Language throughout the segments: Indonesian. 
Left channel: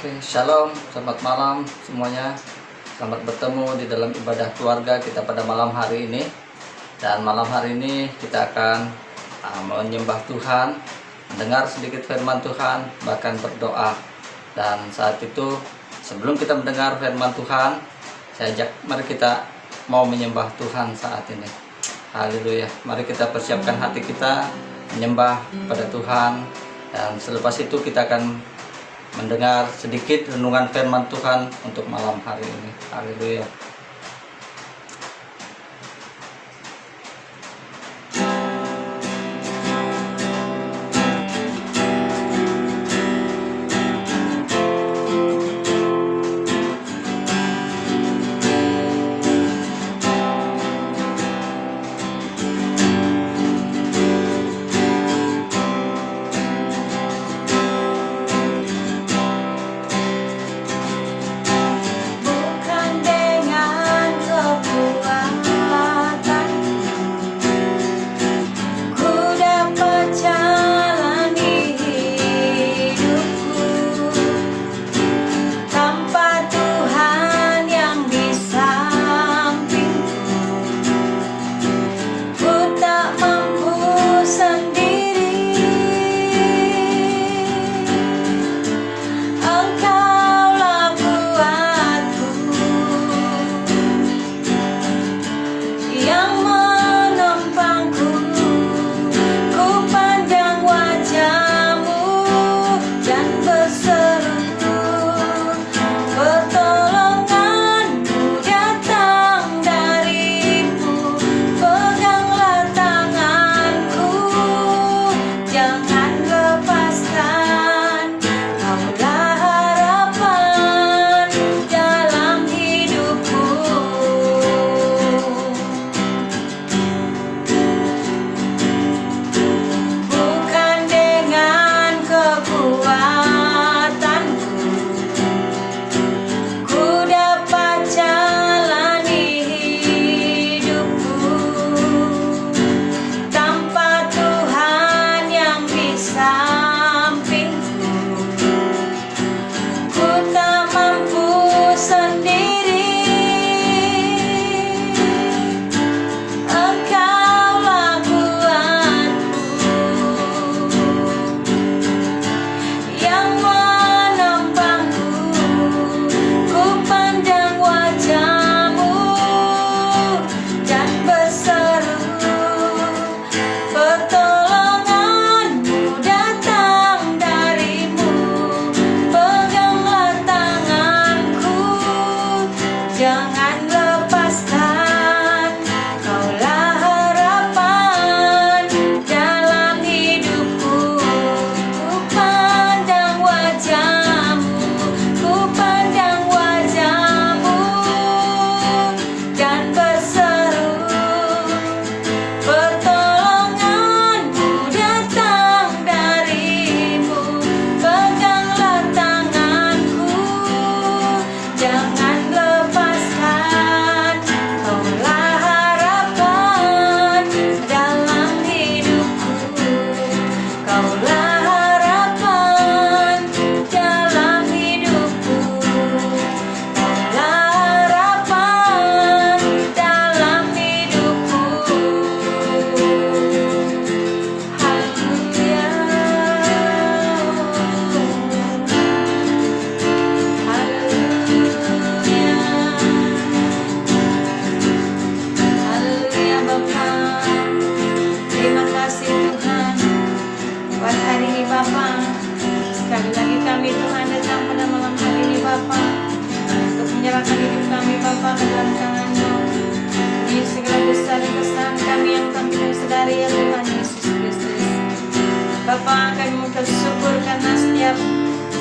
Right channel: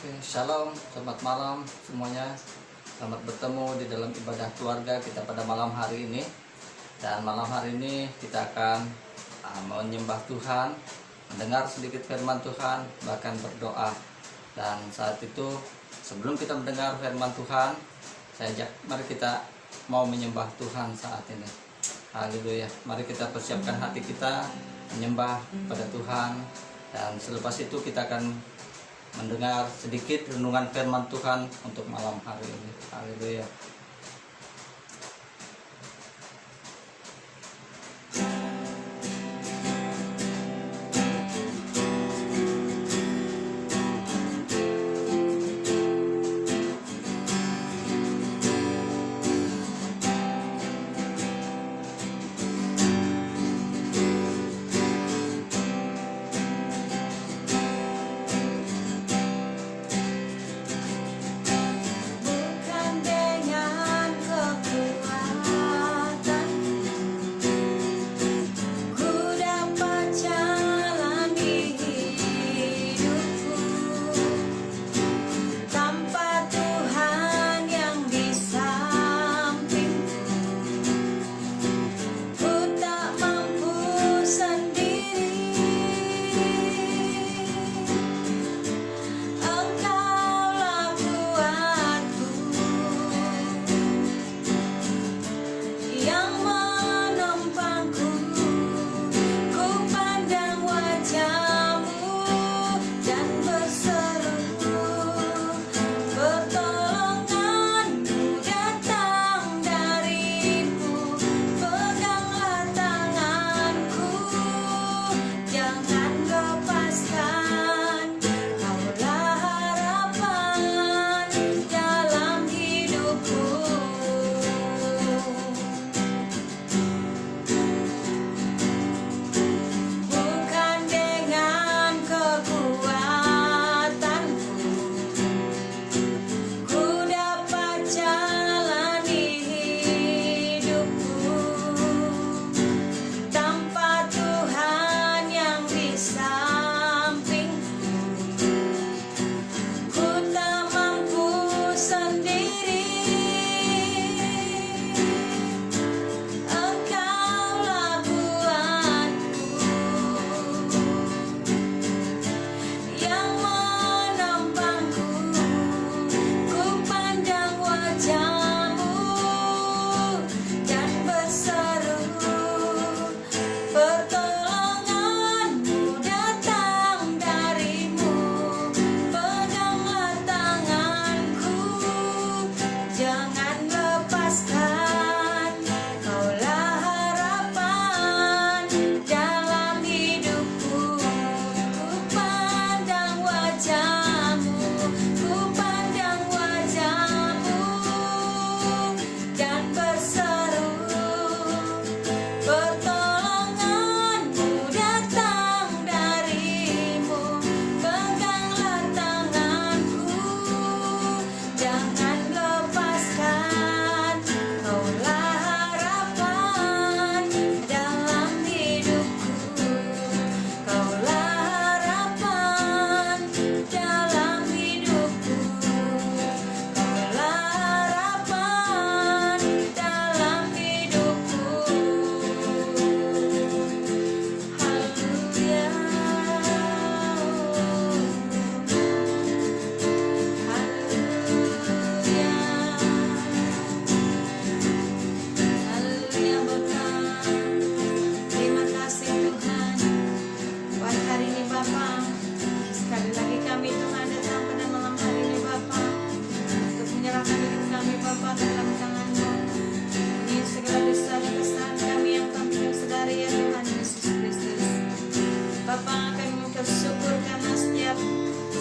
Oke, shalom, selamat malam semuanya. Selamat bertemu di dalam ibadah keluarga kita pada malam hari ini. Dan malam hari ini kita akan menyembah Tuhan, mendengar sedikit firman Tuhan, bahkan berdoa. Dan saat itu, sebelum kita mendengar firman Tuhan, saya ajak mari kita mau menyembah Tuhan saat ini. Haleluya. Mari kita persiapkan hati kita menyembah pada Tuhan. Dan selepas itu kita akan mendengar sedikit renungan firman Tuhan untuk malam hari ini. Haleluya.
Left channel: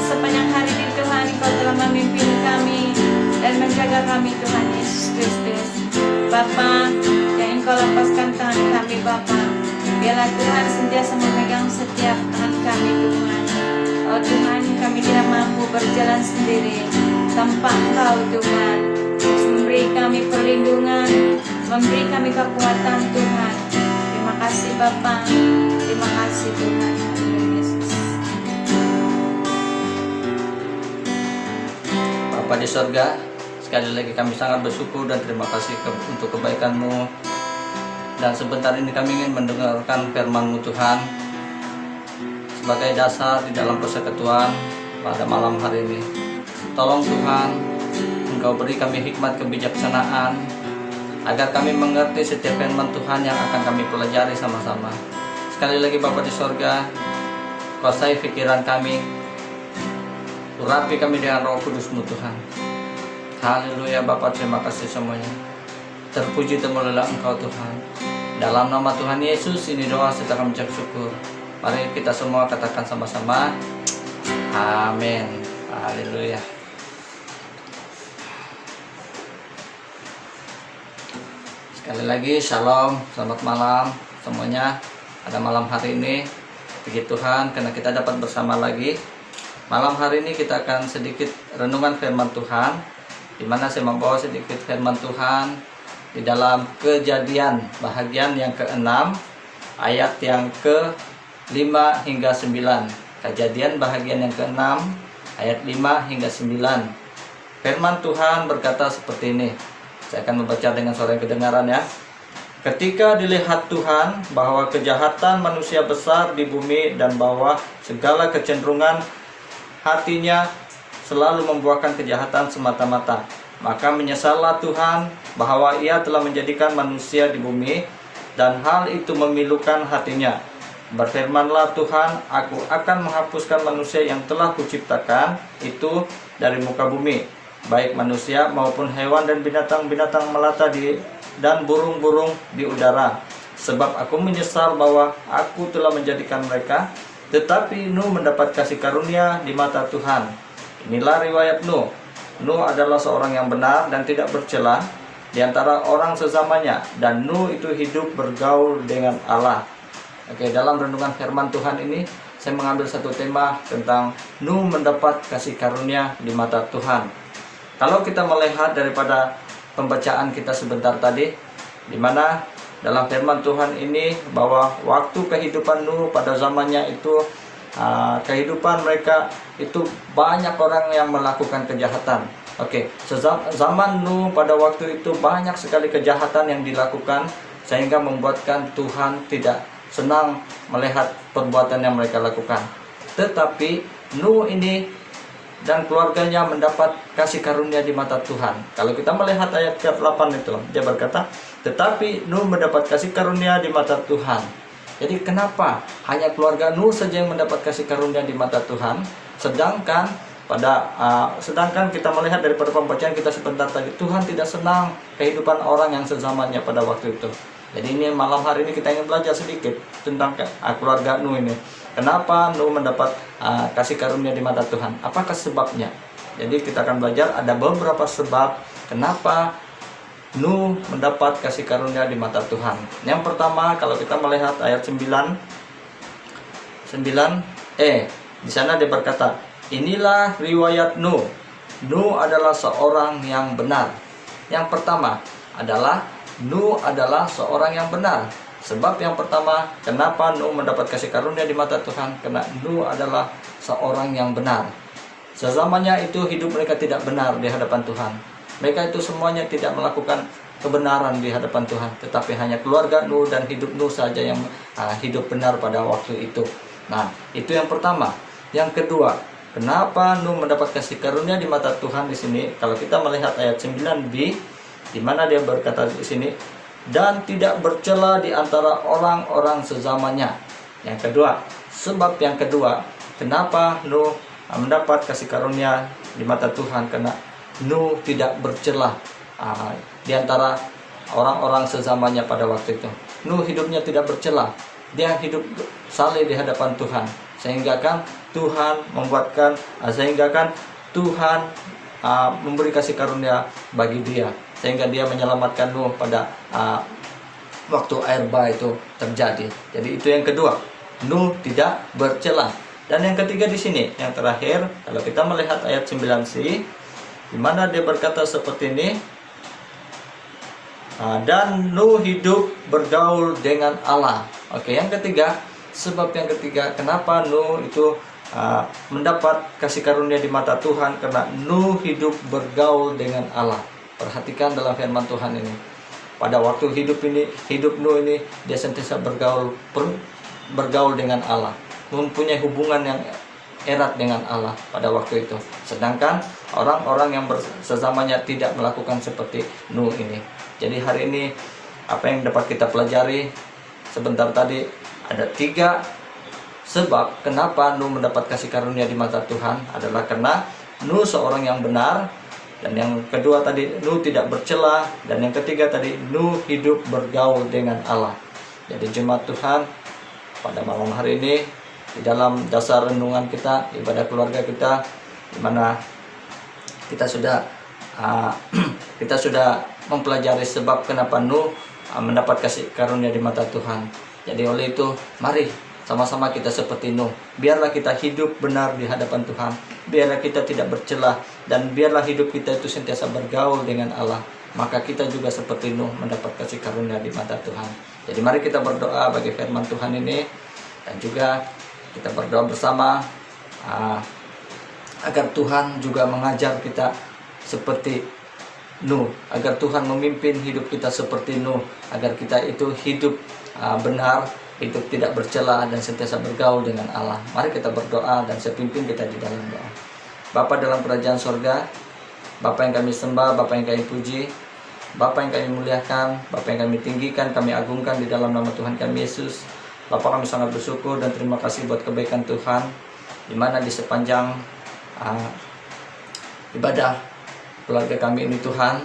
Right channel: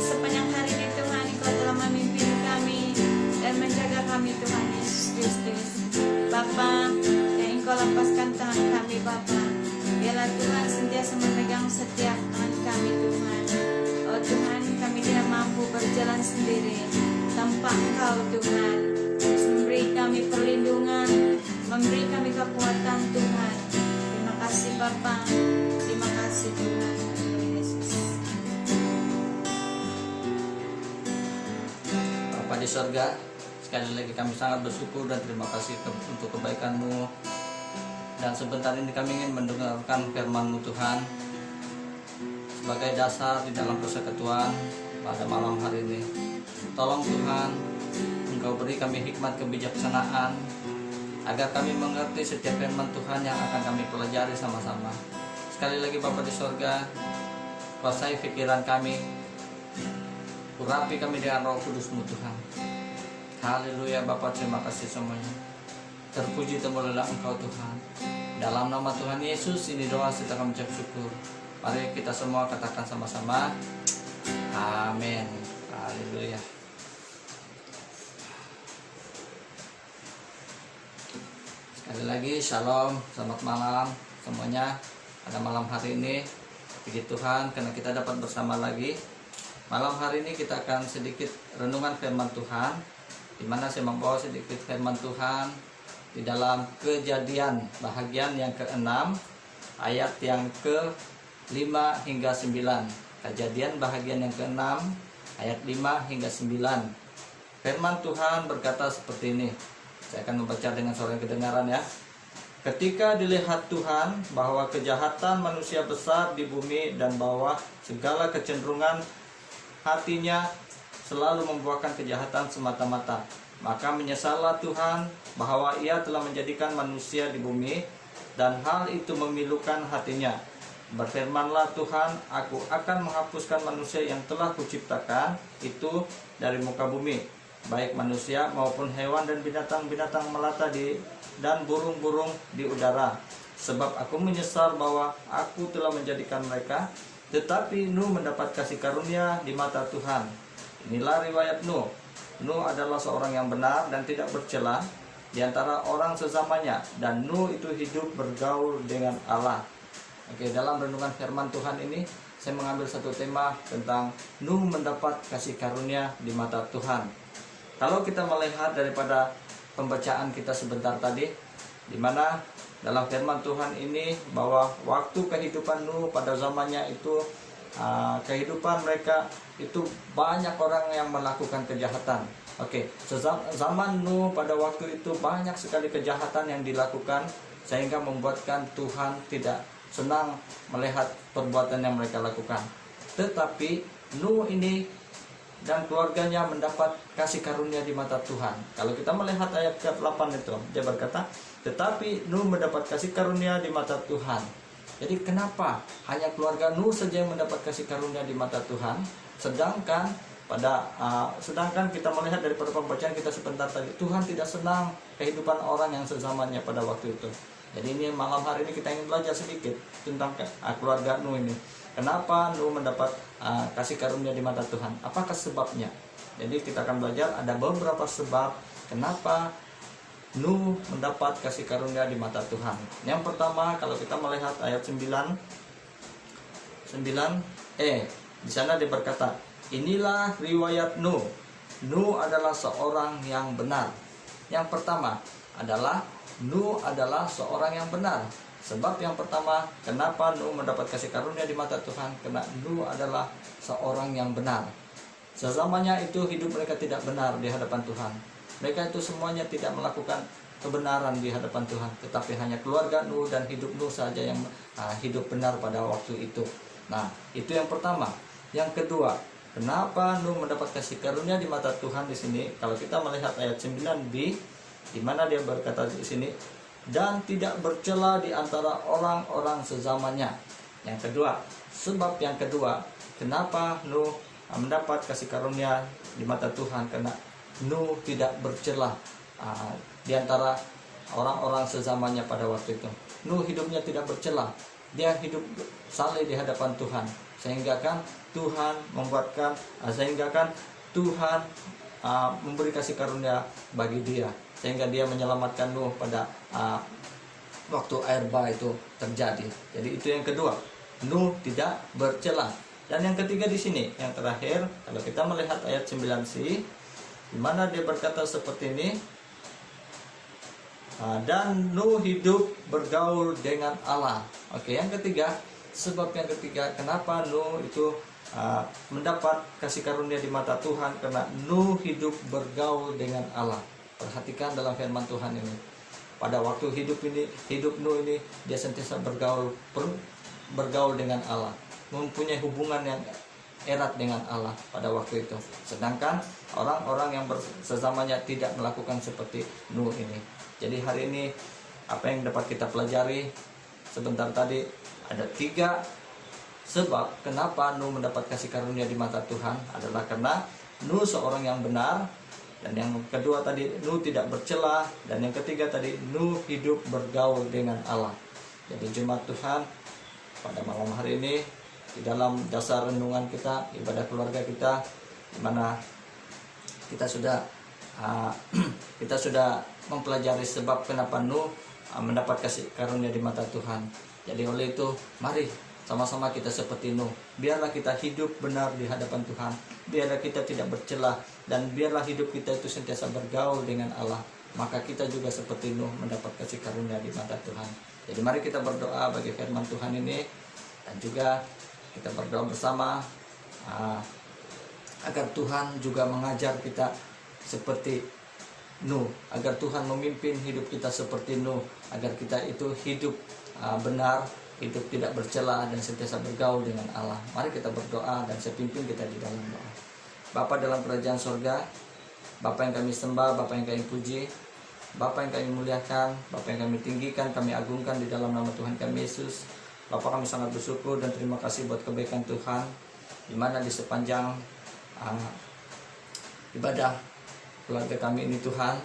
Sepanjang hari ini Tuhan, Engkau telah memimpin kami dan menjaga kami Tuhan Yesus Kristus. Bapa, yang Engkau lepaskan tangan kami Bapa, biarlah Tuhan sentiasa memegang setiap tangan kami Tuhan. Oh Tuhan, kami tidak mampu berjalan sendiri tanpa Engkau Tuhan. Terus memberi kami perlindungan, memberi kami kekuatan Tuhan. Terima kasih Bapa, terima kasih Tuhan. Bapa di sorga, sekali lagi kami sangat bersyukur dan terima kasih untuk kebaikan-Mu. Dan sebentar ini kami ingin mendengarkan firman-Mu Tuhan sebagai dasar di dalam persekutuan pada malam hari ini. Tolong Tuhan, Engkau beri kami hikmat kebijaksanaan agar kami mengerti setiap firman Tuhan yang akan kami pelajari sama-sama. Sekali lagi Bapa di sorga, kuasai pikiran kami, urapi kami dengan Roh Kudus-Mu Tuhan. Haleluya Bapa, terima kasih semuanya. Terpuji temulilah Engkau Tuhan. Dalam nama Tuhan Yesus ini doa serta kami ucap syukur. Mari kita semua katakan sama-sama, amin. Haleluya. Sekali lagi shalom, selamat malam semuanya. Pada malam hari ini, puji Tuhan karena kita dapat bersama lagi. Malam hari ini kita akan sedikit renungan firman Tuhan, di mana saya membawa sedikit firman Tuhan di dalam Kejadian bahagian yang ke-6 ayat yang ke-5 hingga 9. Kejadian bahagian yang ke-6 ayat 5 hingga 9. Firman Tuhan berkata seperti ini. Saya akan membaca dengan suara yang kedengaran ya. Ketika dilihat Tuhan bahwa kejahatan manusia besar di bumi dan bahwa segala kecenderungan hatinya selalu membuahkan kejahatan semata-mata, maka menyesallah Tuhan bahwa Ia telah menjadikan manusia di bumi dan hal itu memilukan hatinya. Berfirmanlah Tuhan, aku akan menghapuskan manusia yang telah kuciptakan itu dari muka bumi, baik manusia maupun hewan dan binatang-binatang melata dan burung-burung di udara. Sebab aku menyesal bahwa aku telah menjadikan mereka. Tetapi Nuh mendapat kasih karunia di mata Tuhan. Inilah riwayat Nuh. Nuh adalah seorang yang benar dan tidak bercela di antara orang sezamannya, dan Nuh itu hidup bergaul dengan Allah. Oke, dalam renungan firman Tuhan ini saya mengambil satu tema tentang Nuh mendapat kasih karunia di mata Tuhan. Kalau kita melihat daripada pembacaan kita sebentar tadi, di mana dalam firman Tuhan ini bahwa waktu kehidupan Nuh pada zamannya itu, kehidupan mereka itu banyak orang yang melakukan kejahatan. Oke, zaman Nuh pada waktu itu banyak sekali kejahatan yang dilakukan, sehingga membuatkan Tuhan tidak senang melihat perbuatan yang mereka lakukan. Tetapi Nuh ini dan keluarganya mendapat kasih karunia di mata Tuhan. Kalau kita melihat ayat ke-8 itu, dia berkata, tetapi Nuh mendapat kasih karunia di mata Tuhan. Jadi kenapa hanya keluarga Nuh saja yang mendapat kasih karunia di mata Tuhan, sedangkan kita melihat daripada pembacaan kita sebentar tadi, Tuhan tidak senang kehidupan orang yang sezamannya pada waktu itu. Jadi ini malam hari ini kita ingin belajar sedikit tentang keluarga Nuh ini. Kenapa Nuh mendapat kasih karunia di mata Tuhan? Apakah sebabnya? Jadi kita akan belajar ada beberapa sebab kenapa Nuh mendapat kasih karunia di mata Tuhan. Yang pertama, kalau kita melihat ayat 9, di sana dia berkata, inilah riwayat Nuh. Nuh adalah seorang yang benar. Yang pertama adalah Nuh adalah seorang yang benar. Sebab yang pertama, kenapa Nuh mendapat kasih karunia di mata Tuhan? Karena Nuh adalah seorang yang benar. Sezamannya itu hidup mereka tidak benar di hadapan Tuhan. Mereka itu semuanya tidak melakukan kebenaran di hadapan Tuhan. Tetapi hanya keluarga Nuh dan hidup Nuh saja yang hidub benar pada waktu itu. Nah, itu yang pertama. Yang kedua, kenapa Nuh mendapat kasih karunia di mata Tuhan di sini? Kalau kita melihat ayat 9b, di mana dia berkata di sini, dan tidak bercela di antara orang-orang sezamannya. Yang kedua, sebab yang kedua, kenapa Nuh mendapat kasih karunia di mata Tuhan? Karena Nuh tidak bercela di antara orang-orang sezamannya pada waktu itu. Nuh hidupnya tidak bercela. Dia hidup saleh di hadapan Tuhan. Sehingga kan Tuhan Tuhan memberi kasih karunia bagi dia. Sehingga dia menyelamatkan Nuh pada waktu air bah itu terjadi. Jadi itu yang kedua, Nuh tidak bercela. Dan yang ketiga di sini, yang terakhir, kalau kita melihat ayat 9c, di mana dia berkata seperti ini, dan Nuh hidup bergaul dengan Allah. Oke, yang ketiga, sebab yang ketiga, kenapa Nuh itu mendapat kasih karunia di mata Tuhan karena Nuh hidup bergaul dengan Allah. Perhatikan dalam firman Tuhan ini. Pada waktu hidup Nuh ini, dia sentiasa bergaul dengan Allah, mempunyai hubungan yang erat dengan Allah pada waktu itu. Sedangkan orang-orang yang sesamanya tidak melakukan seperti Nuh ini. Jadi hari ini apa yang dapat kita pelajari sebentar tadi, ada 3 sebab kenapa Nuh mendapat kasih karunia di mata Tuhan adalah karena Nuh seorang yang benar, dan yang kedua tadi Nuh tidak bercela, dan yang ketiga tadi Nuh hidup bergaul dengan Allah. Jadi jemaat Tuhan, pada malam hari ini di dalam dasar renungan kita, ibadah keluarga kita, di mana kita sudah mempelajari sebab kenapa Nuh mendapat kasih karunia di mata Tuhan. Jadi oleh itu mari sama-sama kita seperti Nuh. Biarlah kita hidup benar di hadapan Tuhan. Biarlah kita tidak bercelah, dan biarlah hidup kita itu sentiasa bergaul dengan Allah. Maka kita juga seperti Nuh mendapat kasih karunia di mata Tuhan. Jadi mari kita berdoa bagi firman Tuhan ini, dan juga kita berdoa bersama agar Tuhan juga mengajar kita seperti Nuh, agar Tuhan memimpin hidup kita seperti Nuh, agar kita itu hidup benar, hidup tidak bercela, dan sentiasa bergaul dengan Allah. Mari kita berdoa, dan saya pimpin kita di dalam doa. Bapa dalam kerajaan sorga, Bapa yang kami sembah, Bapa yang kami puji, Bapa yang kami muliakan, Bapa yang kami tinggikan, kami agungkan di dalam nama Tuhan kami Yesus. Bapa, kami sangat bersyukur dan terima kasih buat kebaikan Tuhan, di mana di sepanjang ibadah keluarga kami ini Tuhan,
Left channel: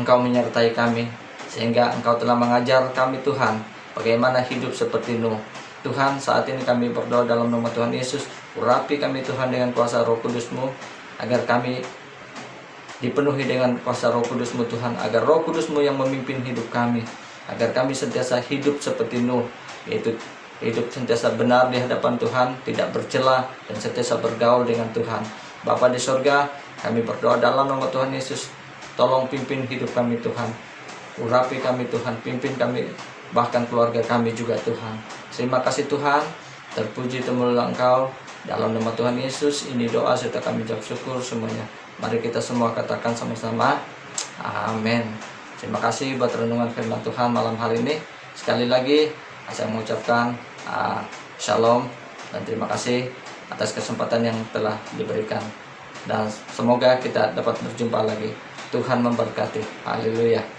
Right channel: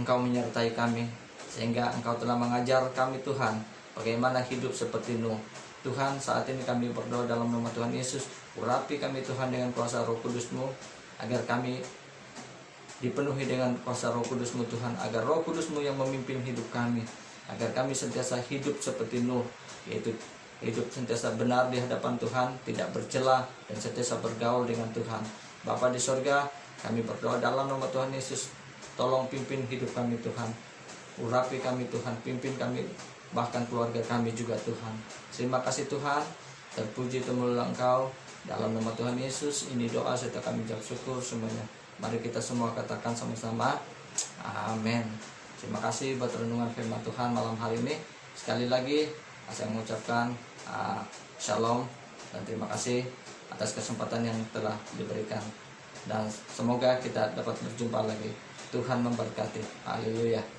Engkau menyertai kami, sehingga Engkau telah mengajar kami Tuhan bagaimana hidup seperti Nuh. Tuhan, saat ini kami berdoa dalam nama Tuhan Yesus, urapi kami Tuhan dengan kuasa Roh Kudus-Mu, agar kami dipenuhi dengan kuasa Roh Kudus-Mu Tuhan, agar Roh Kudus-Mu yang memimpin hidup kami, agar kami sentiasa hidup seperti Nuh, yaitu hidup sentiasa benar di hadapan Tuhan, tidak bercela, dan sentiasa bergaul dengan Tuhan. Bapa di sorga, kami berdoa dalam nama Tuhan Yesus, tolong pimpin hidup kami Tuhan, urapi kami Tuhan, pimpin kami, bahkan keluarga kami juga Tuhan. Terima kasih Tuhan, terpuji temulah Engkau, dalam nama Tuhan Yesus ini doa serta kami ucap syukur semuanya. Mari kita semua katakan sama-sama, amin. Terima kasih buat renungan firman Tuhan malam hari ini. Sekali lagi saya mengucapkan shalom, dan terima kasih atas kesempatan yang telah diberikan, dan semoga kita dapat berjumpa lagi. Tuhan memberkati. Haleluya.